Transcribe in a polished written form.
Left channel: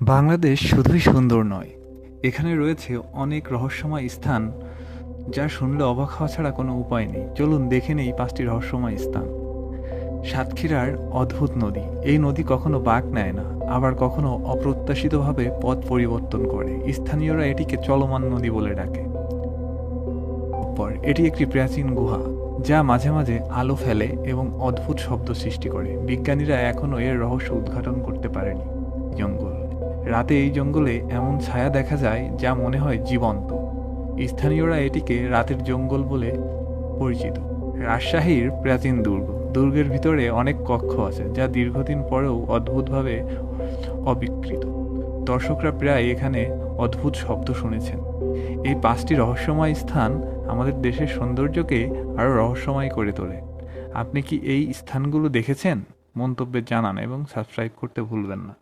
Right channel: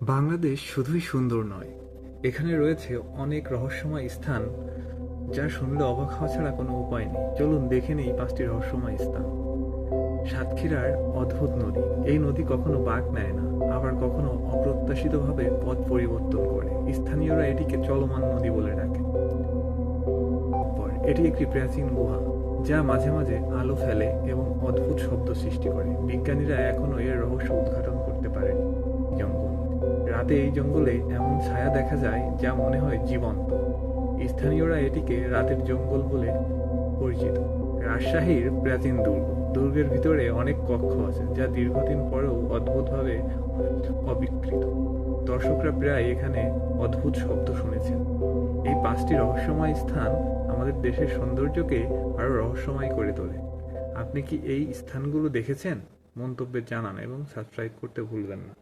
বাংলাদেশ শুধুই সুন্দর নয়, এখানে রয়েছে অনেক রহস্যময় স্থান যা শুনলে অবাক হওয়া ছাড়া কোনো উপায় নেই। চলুন দেখে নেই 5টি রহস্যময় স্থান। সাতক্ষীরার অদ্ভুত নদী। এই নদী কখনো বাঁক নেয় না, আবার কখনো অপ্রত্যাশিতভাবে পথ পরিবর্তন করে। স্থানীয়রা এটিকে চলমান নদী বলে ডাকে। এটি একটি প্রাচীন গুহা যা মাঝে মাঝে আলো ফেলে এবং অদ্ভুত শব্দ সৃষ্টি করে। বিজ্ঞানীরা এখনও এর রহস্য উদ্ঘাটন করতে পারেনি। জঙ্গল। রাতে এই জঙ্গলে এমন ছায়া দেখা যায় যা মনে হয় জীবন্ত। স্থানীয়রা এটিকে রাতের জঙ্গল বলে পরিচিত। রাজশাহীর প্রাচীন দুর্গ। দুর্গের ভিতরে অনেক কক্ষ আছে যা দীর্ঘদিন পরেও অদ্ভুতভাবে অবিকৃত। দর্শকরা প্রায় এখানে অদ্ভুত শব্দ শুনেছেন। এই 5টি রহস্যময় স্থান আমাদের দেশের সৌন্দর্যকে আরও রহস্যময় করে তোলে। আপনি কি এই স্থানগুলো দেখেছেন? মন্তব্যে জানান এবং সাবস্ক্রাইব করতে ভুলবেন না।